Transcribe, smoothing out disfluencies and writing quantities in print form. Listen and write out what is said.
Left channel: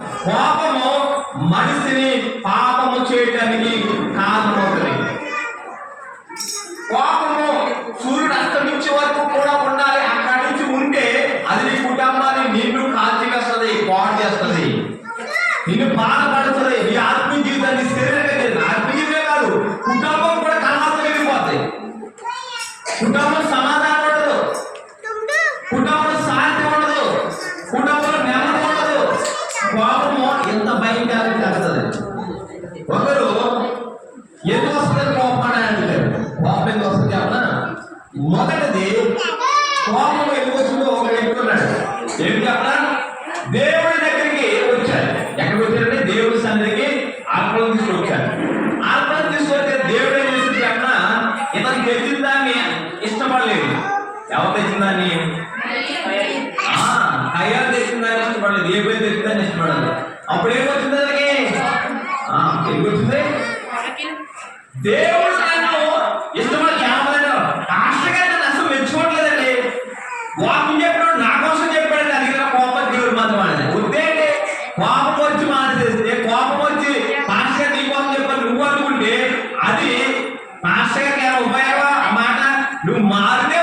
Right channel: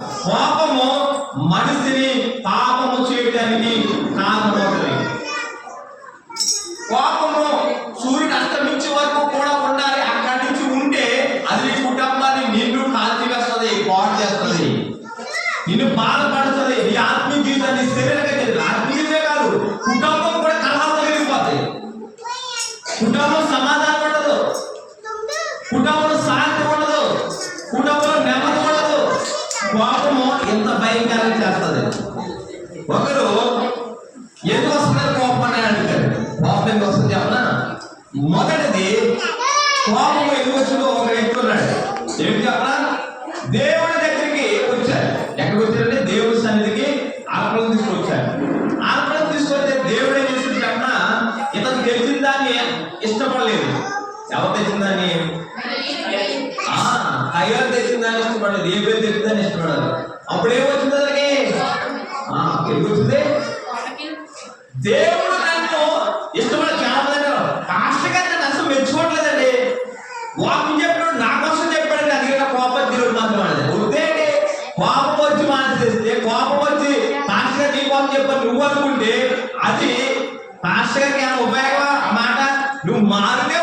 కోపము మనిషిని పాపము చేయడానికి కారణమవుతుంది. కోపము సూర్యుడు అస్తమించే వరకు కూడా ఉండాలి. అక్కడి నుంచి ఉంటే అది నీ కుటుంబాన్ని నిన్ను కాల్చివేస్తుంది, పాడు చేస్తుంది, నిన్ను బాధపడుతుంది. నీ ఆత్మీయ జీవితాన్ని శరీరంగా ఆత్మీయమే కాదు, కుటుంబం కూడా కలహాలు మిగిలిపోతాయి. కుటుంబం సమాధానం ఉండదు, కుటుంబంలో శాంతి ఉండదు, కుటుంబంలో నెమ్మది ఉండదు. కోపము ఎంత భయంకరంగా చేస్తుంది. ఒకరు ఎందుకు వస్తుంది కోపం అని అంటారు. కోపం ఎందుకు వస్తుంది చెప్పనా? మొదటిది కోపం ఎందుకు వచ్చిందో ఒక వ్యక్తి ఉన్నాడు. ఏంటి చెప్పనా? దేవుడి దగ్గరికి వచ్చారు. ఎక్కడికి వచ్చారంటే దేవుడి సన్నిధికి అర్పణం తీసుకొచ్చారు. అర్పణం తీసుకొస్తే దేవుడు ఏం చేస్తుంది చెప్పనా? ఇతను తెచ్చిన దాన్ని ఇష్టపడలేదు. ఎవరు తెచ్చిన దాన్ని? అయ్యారు తెచ్చిన దాన్ని ఇష్టపడలేదు, ఏ పేరు తెచ్చిన దాన్ని ఇష్టపడలేదు. అప్పుడు ఏమొచ్చింది దానికి? ఎందుకు వచ్చింది? దేవుడు నన్ను ఇష్టపడి కేవలం పాస్టర్ గారు నన్ను అసలు మెచ్చుకోవట్లేదండి. వాక్యం చెప్పాడు, నా కోసం చెప్పాడు, అందుకే కోపం దేవుడు మాత్రం అనేది వద్దేంటి. కోపం వచ్చి మానేసేస్తే, కోపం వచ్చి పాస్టర్ గారు నీ కోసం చెప్పారు నువ్వు అనుకుంటే అది పాస్టర్ గారికి ఏమైనా ఉపయోగం? ఆ మాట నువ్వు మారితే